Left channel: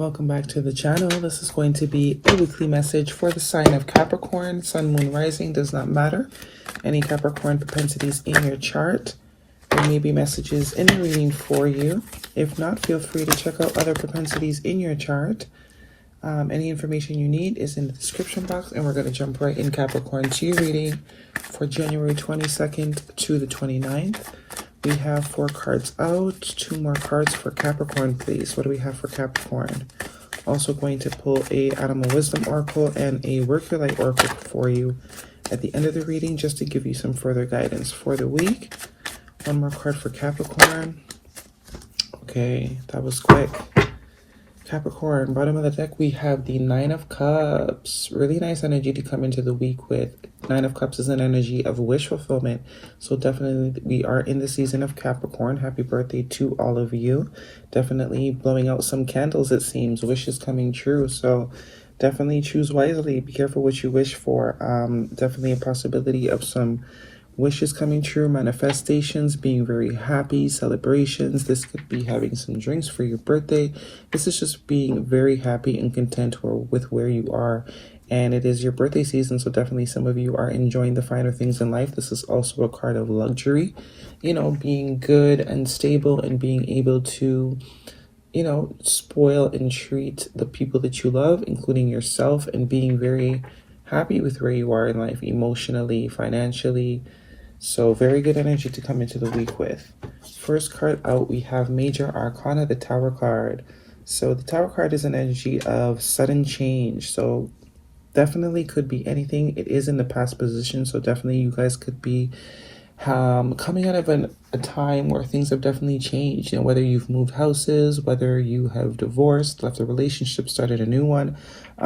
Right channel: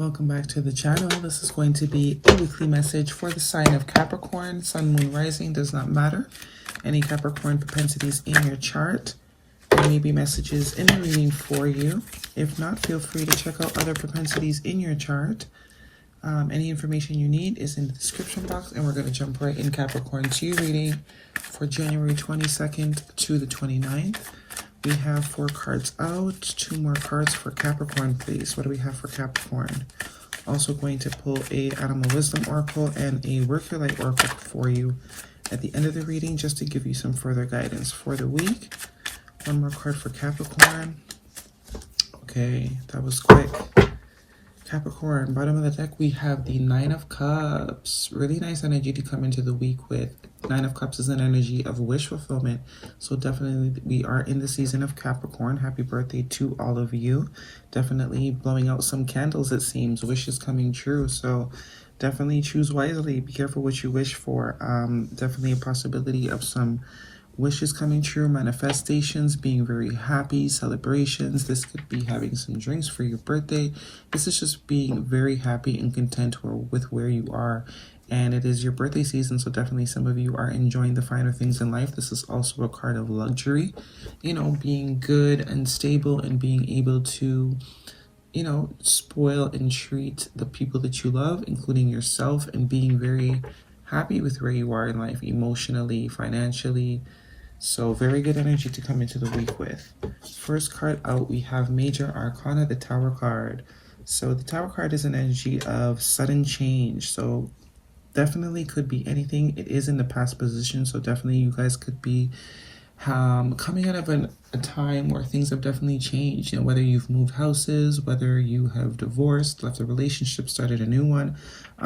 Welcome back to the channel. This is going to be a weekly message for the sign of Capricorn. Sun, moon, rising does not matter. Any Capricorn propensities in your chart. There may be messages in the reading for you. If not, feel free to check out other propensities in your chart. Any information you need is in the description box, and we're going to jump right in, Capricorn, to your reading for January 22nd to the 29th. We have 4 cards out, 2 more cards for Capricorn, please. What do we have for Capricorn? Also going to pull a Animal Wisdom Oracle and a Work Your Light Oracle for you at the end of the reading, just to give you some further guidance for the week. 1 more card for Capricorn. Okay, that was quick. Capricorn, bottom of the deck, we have the 9 of Cups. Really nice energy to come into the week with. 9 of Cups is an energy of wish fulfillment. So definitely we are in the season of Capricorn. Happy birthday to all of you. Definitely blowing out some candles, it seems. Wishes coming true. So definitely choose wisely. Be careful what you wish for. Definitely a possibility of some wishes coming true, manifestations, being very happy, celebrations. This could be having some drinks for your birthday. This is just being very happy and content with where you are. And it is your birthday season, so definitely some of you are enjoying the finer things in life. This is also a card of luxury, you know, being good and stable and being able to, you know, spoil and treat the people that you love, including yourself, and being very happy with where you are in life, emotionally, financially. So very good energy to come into the week with. First card out, we have Major Arcana, the Tower card. So the Tower card is an energy of sudden change. So definitely could be anything. It is in the past position, so definitely you guys could be coming out of a time where things have definitely changed. You know, whether you've moved houses, whether you have divorced, left a relationship, started a new one.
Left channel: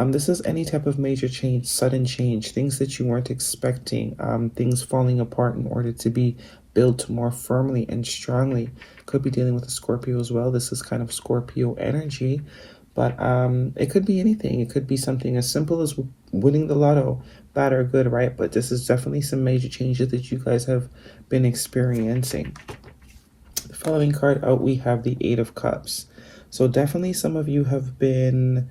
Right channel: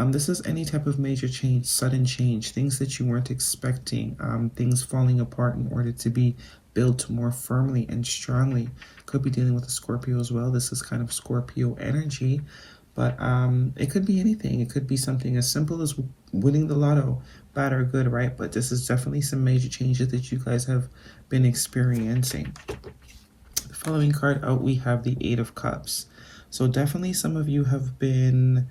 This is any type of major change, sudden change, things that you weren't expecting, things falling apart in order to be built more firmly and strongly. Could be dealing with a Scorpio as well. This is kind of Scorpio energy. But it could be anything. It could be something as simple as winning the lotto, bad or good, right? But this is definitely some major changes that you guys have been experiencing. The following card out, we have the 8 of Cups. So definitely some of you have been,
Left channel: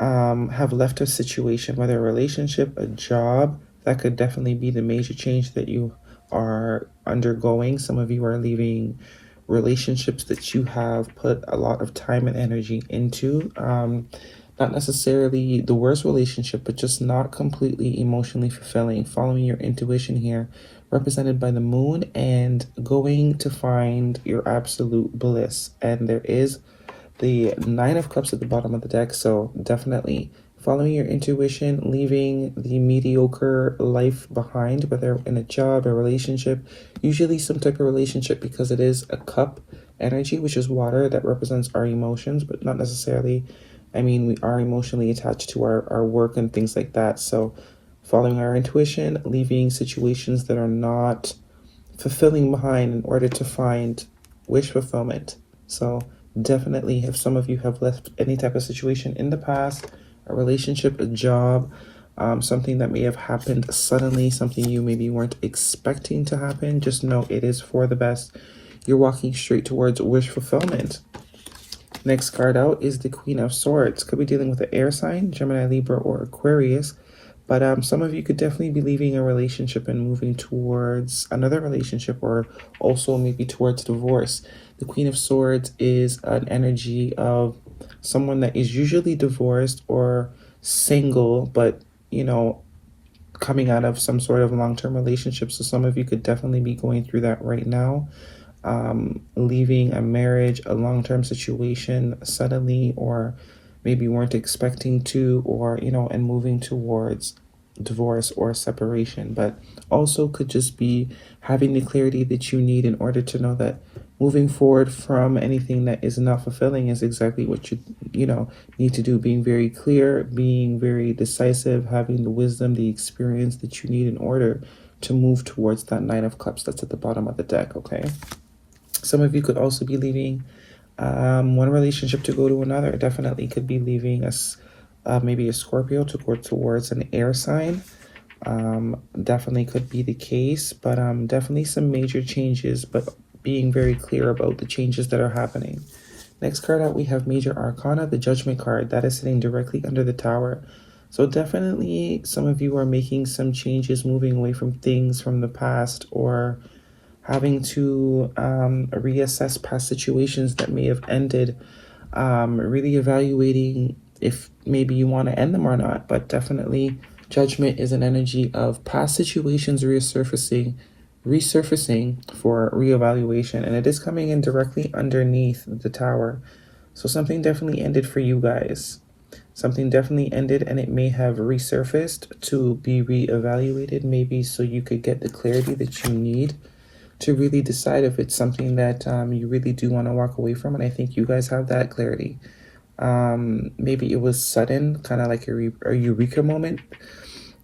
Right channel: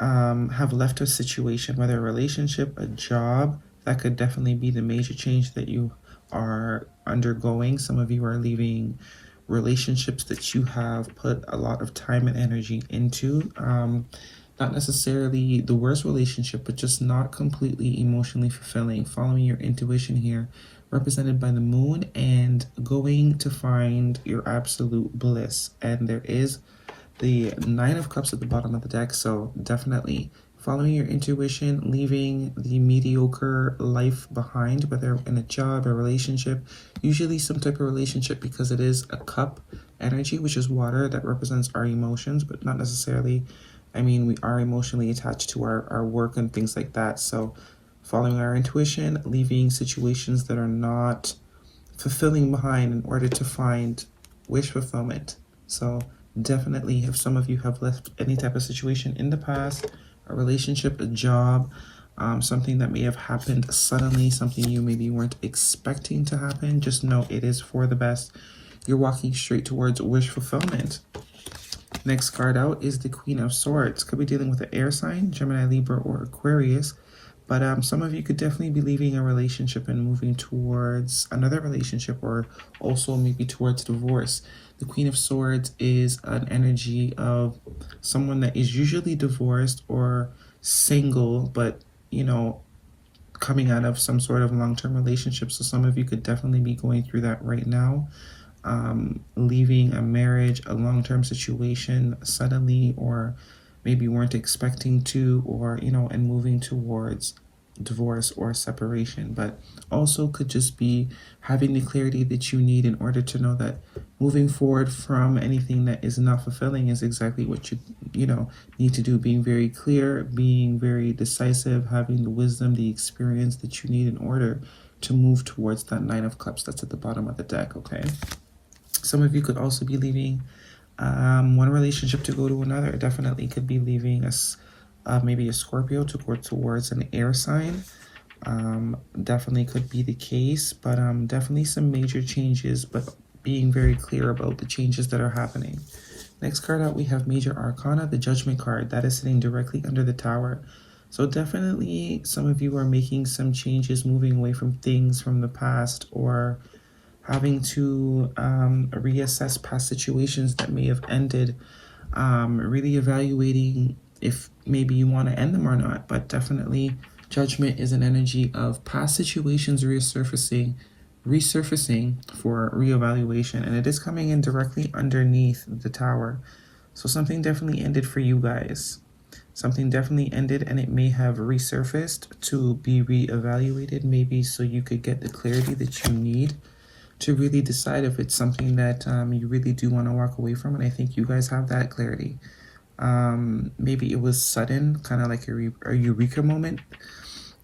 have left a situation, whether a relationship, a job. That could definitely be the major change that you are undergoing. Some of you are leaving relationships that you have put a lot of time and energy into, not necessarily the worst relationship, but just not completely emotionally fulfilling. Following your intuition here, represented by the moon, and going to find your absolute bliss. And there is the 9 of Cups at the bottom of the deck, so definitely following your intuition, leaving the mediocre life behind, whether in a job, a relationship, usually some type of relationship, because it is a cup energy, which is water, that represents our emotions, but not necessarily, I mean, we are emotionally attached to our work and things like that. So following our intuition, leaving situations that are not fulfilling behind in order to find wish fulfillment. So definitely, if some of you have left any type of situation in the past, a relationship, a job, something that may have happened suddenly, something you maybe weren't expecting to happen, just know it is for the best. You're walking straight towards wish fulfillment. Next card out is the Queen of Swords. Could be dealing with an air sign, Gemini, Libra, or Aquarius. But some of you could definitely be leaving a relationship and moving towards another relationship, or also maybe towards divorce. The Queen of Swords is an energy of someone that is usually divorced or single, but, you know, coming out of some sort of long-term relationship. So some of you could definitely be going through that right now. Leaving a marriage, a long-term situation suddenly, or maybe weren't expecting to, or, you know, and moving towards divorce or separation. But also could just be having the clarity that you need in order to know that moving forward from anything that is not fulfilling is exactly what you know, need to do. Being very clear, being very decisive, having the wisdom, the experience that you need in order to move towards that 9 of Cups that's at the bottom of the deck, okay? Some of you could also be leaving one relationship to go to another. Definitely could be leaving us maybe a Scorpio to go towards an air sign. Definitely could be the case, but definitely some major changes, but being very clear about the changes that are happening. Next card out, we have Major Arcana, the Judgment card. That is sitting directly under the Tower. So definitely some of you are making some changes, moving away from things from the past, or having to reassess past situations that may have ended, really evaluating if maybe you want to end them or not. But definitely Judgment is an energy of past situations resurfacing for reevaluation, and it is coming in directly underneath the Tower. So something definitely ended for you guys. Something definitely ended, and it may have resurfaced to be reevaluated, maybe so you could get the clarity that you need to really decide if it's something that you really do want to walk away from. And I think you guys have that clarity. Maybe it was sudden, kind of like a eureka moment.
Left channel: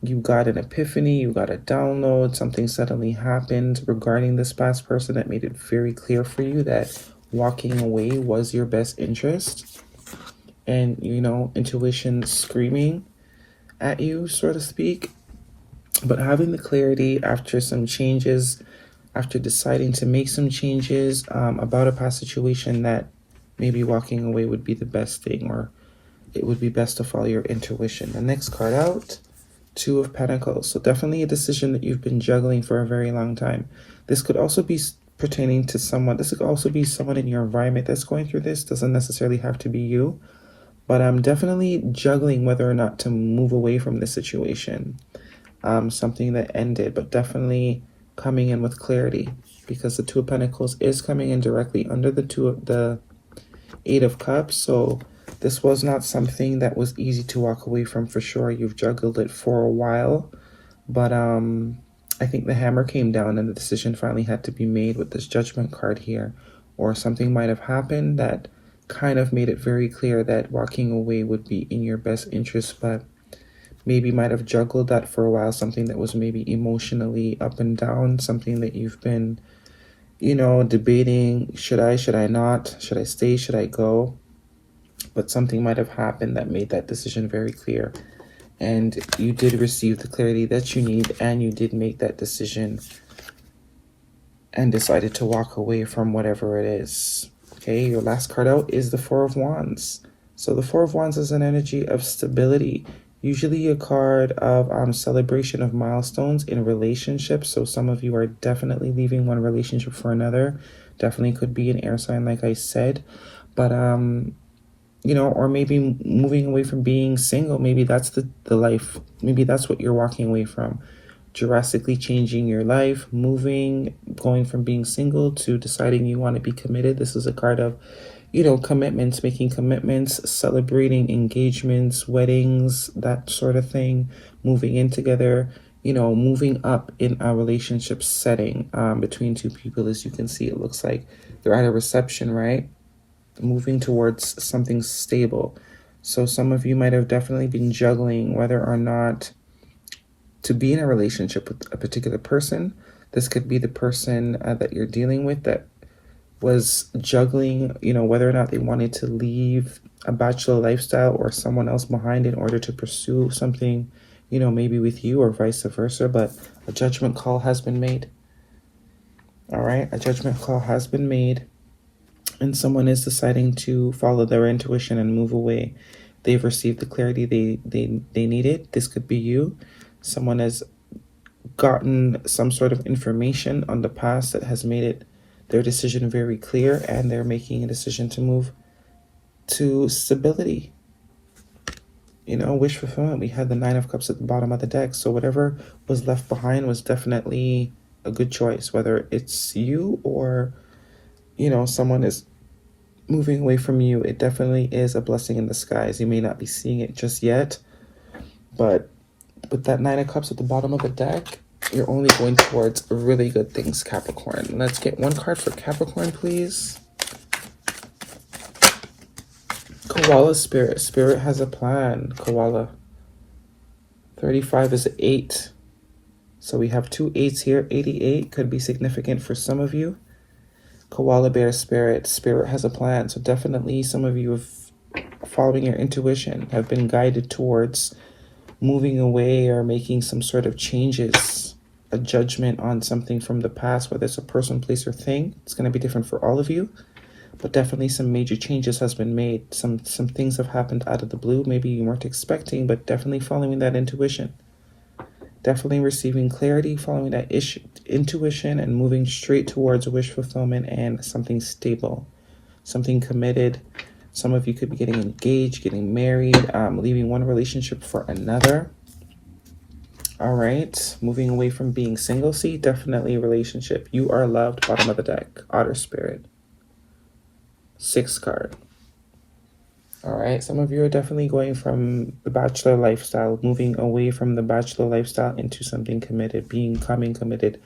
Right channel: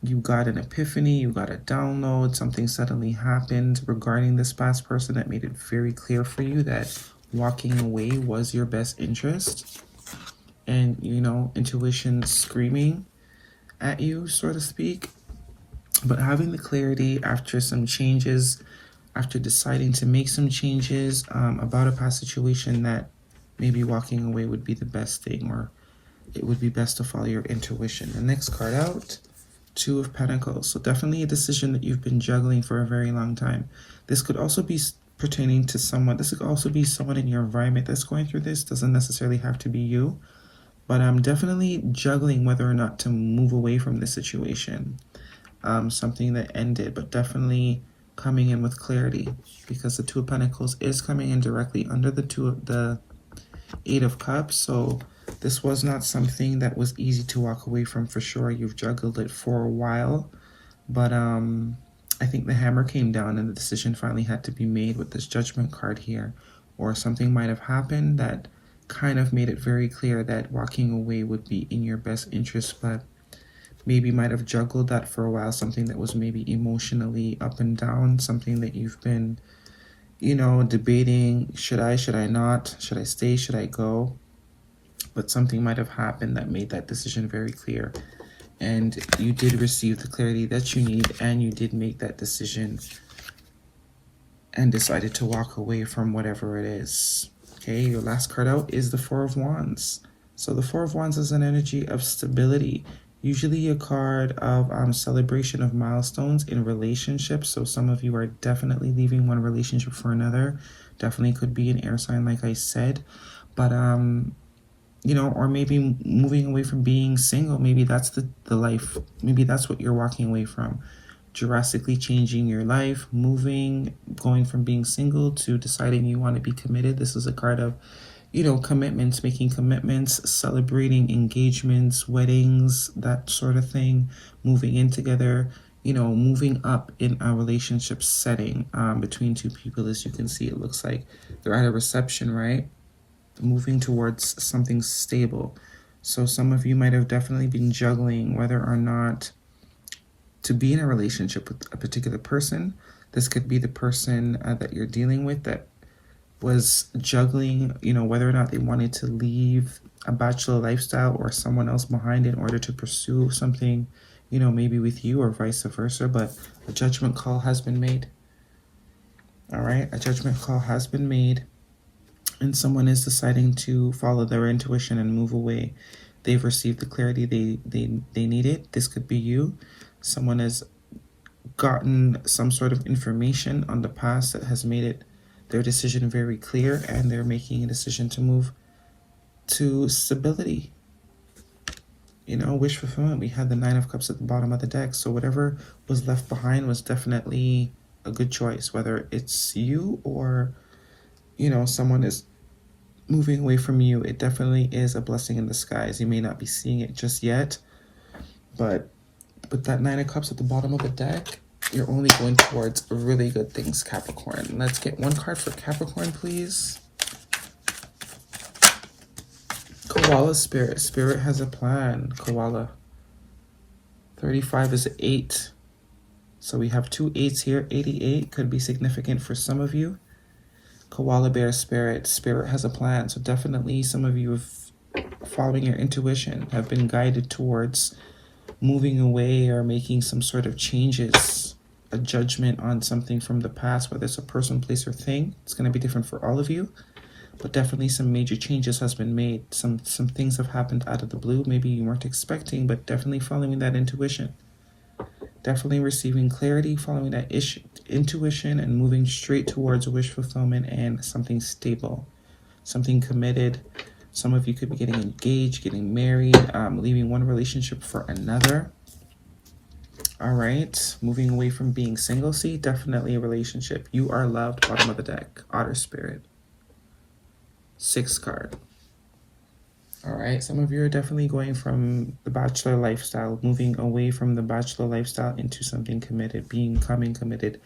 You got an epiphany, you got a download, something suddenly happened regarding this past person that made it very clear for you that walking away was your best interest. And, you know, intuition screaming at you, so to speak. But having the clarity after some changes, after deciding to make some changes about a past situation, that maybe walking away would be the best thing, or it would be best to follow your intuition. The next card out, Two of Pentacles. So definitely a decision that you've been juggling for a very long time. This could also be pertaining to someone. This could also be someone in your environment that's going through this. Doesn't necessarily have to be you. But I'm definitely juggling whether or not to move away from the situation. Something that ended, but definitely coming in with clarity, because the Two of Pentacles is coming in directly under the Eight of Cups. So this was not something that was easy to walk away from, for sure. You've juggled it for a while, but I think the hammer came down and the decision finally had to be made with this Judgment card here. Or something might have happened that kind of made it very clear that walking away would be in your best interest, but maybe might have juggled that for a while, something that was maybe emotionally up and down, something that you've been, you know, debating, should I not, should I stay, should I go? But something might have happened that made that decision very clear, and you did receive the clarity that you need, and you did make that decision and decided to walk away from whatever it is. Okay, your last card out is the Four of Wands. So the Four of Wands is an energy of stability, usually a card of celebration of milestones in relationships. So some of you are definitely leaving one relationship for another. Definitely could be an air sign, like I said. But, you know, or maybe moving away from being single. Maybe that's the life. Maybe that's what you're walking away from. Drastically changing your life, moving, going from being single to deciding you want to be committed. This is a card of, you know, commitments, making commitments, celebrating engagements, weddings, that sort of thing, moving in together, you know, moving up in a relationship setting between two people. As you can see, it looks like they're at a reception, right? Moving towards something stable. So some of you might have definitely been juggling whether or not to be in a relationship with a particular person. This could be the person that you're dealing with that was juggling, you know, whether or not they wanted to leave a bachelor lifestyle or someone else behind in order to pursue something, you know, maybe with you, or vice versa. But a judgment call has been made. All right, a judgment call has been made, and someone is deciding to follow their intuition and move away. They've received the clarity they needed. This could be you. Someone has gotten some sort of information on the past that has made it their decision very clear, and they're making a decision to move to stability. You know, wish fulfillment. We had the Nine of Cups at the bottom of the deck. So whatever was left behind was definitely a good choice, whether it's you or, you know, someone is moving away from you. It definitely is a blessing in disguise. You may not be seeing it just yet, but with that Nine of Cups at the bottom of the deck, you're only going towards really good things, Capricorn. Let's get one card for Capricorn, please. Koala Spirit. Spirit has a plan, Koala. 35 is 8. So we have two 8s here. 88 could be significant for some of you. Koala Bear Spirit. Spirit has a plan. So definitely some of you have, following your intuition, have been guided towards moving away or making some sort of changes, a judgment on something from the past, whether it's a person, place, or thing. It's going to be different for all of you. but definitely some major changes has been made. Some things have happened out of the blue. Maybe you weren't expecting, but definitely following that intuition. Definitely receiving clarity, following that intuition, and moving straight towards wish fulfillment and something stable, something committed. Some of you could be getting engaged, getting married, leaving one relationship for another. All right, moving away from being single. See, definitely a relationship. You are loved. Bottom of the deck, Otter Spirit. 6th card. All right, some of you are definitely going from the bachelor lifestyle, moving away from the bachelor lifestyle into something committed, becoming committed,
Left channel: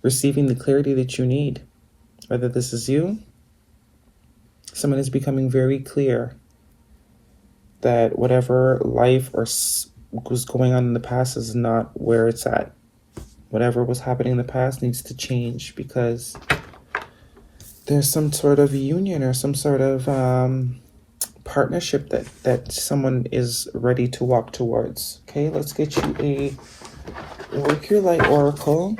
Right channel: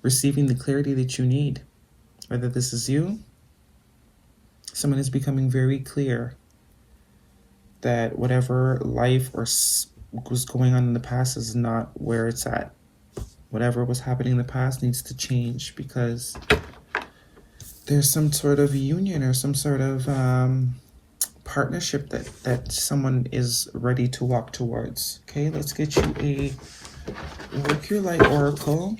receiving the clarity that you need. Whether this is you, someone is becoming very clear that whatever life or was going on in the past is not where it's at. Whatever was happening in the past needs to change, because there's some sort of union or some sort of partnership that someone is ready to walk towards. Okay, let's get you a Work Your Light Oracle.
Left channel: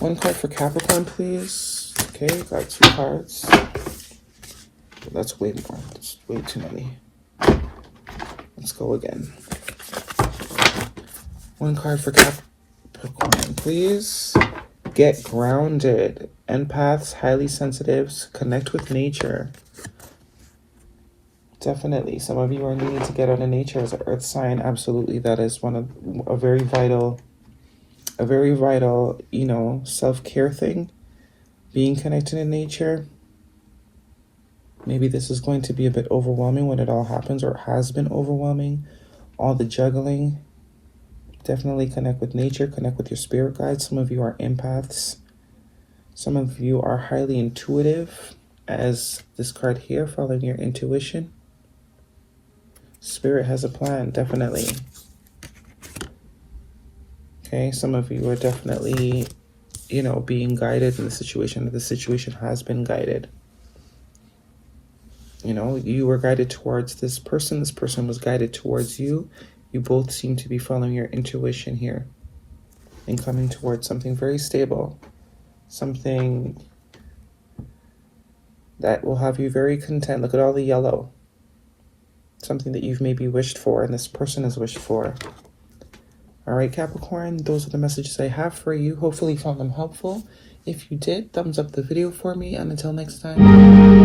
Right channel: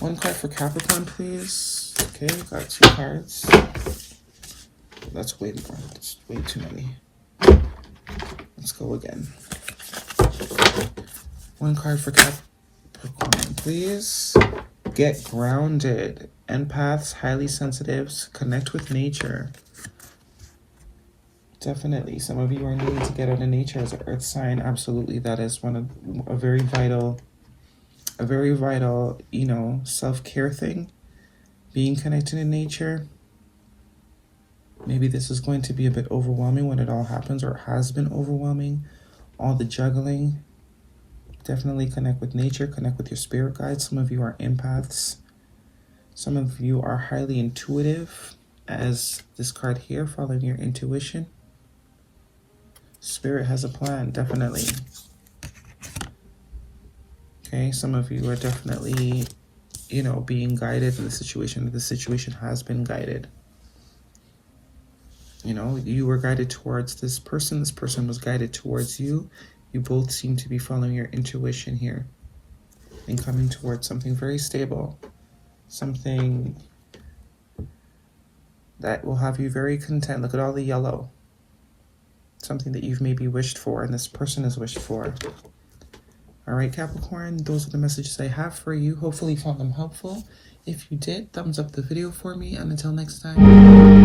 One card for Capricorn, please. Okay, got 2 cards. That's way more. That's way too many. Let's go again. One card for Capricorn, please. Get grounded. Empaths, highly sensitives, connect with nature. Definitely, some of you are needing to get out of nature as an earth sign. Absolutely, that is a very vital, self-care thing. Being connected in nature. Maybe this is going to be a bit overwhelming when it all happens, or has been overwhelming. All the juggling. Definitely connect with nature, connect with your spirit guides. Some of you are empaths. Some of you are highly intuitive, as this card here, following your intuition. Spirit has a plan, definitely. Okay, some of you are definitely, being guided in the situation. The situation has been guided. You were guided towards this person. This person was guided towards you. You both seem to be following your intuition here and coming towards something very stable. Something that will have you very content. Look at all the yellow. Something that you've maybe wished for and this person has wished for. All right, Capricorn, those are the messages I have for you. Hopefully you found them helpful. If you did, thumbs up the video for me, and until next time.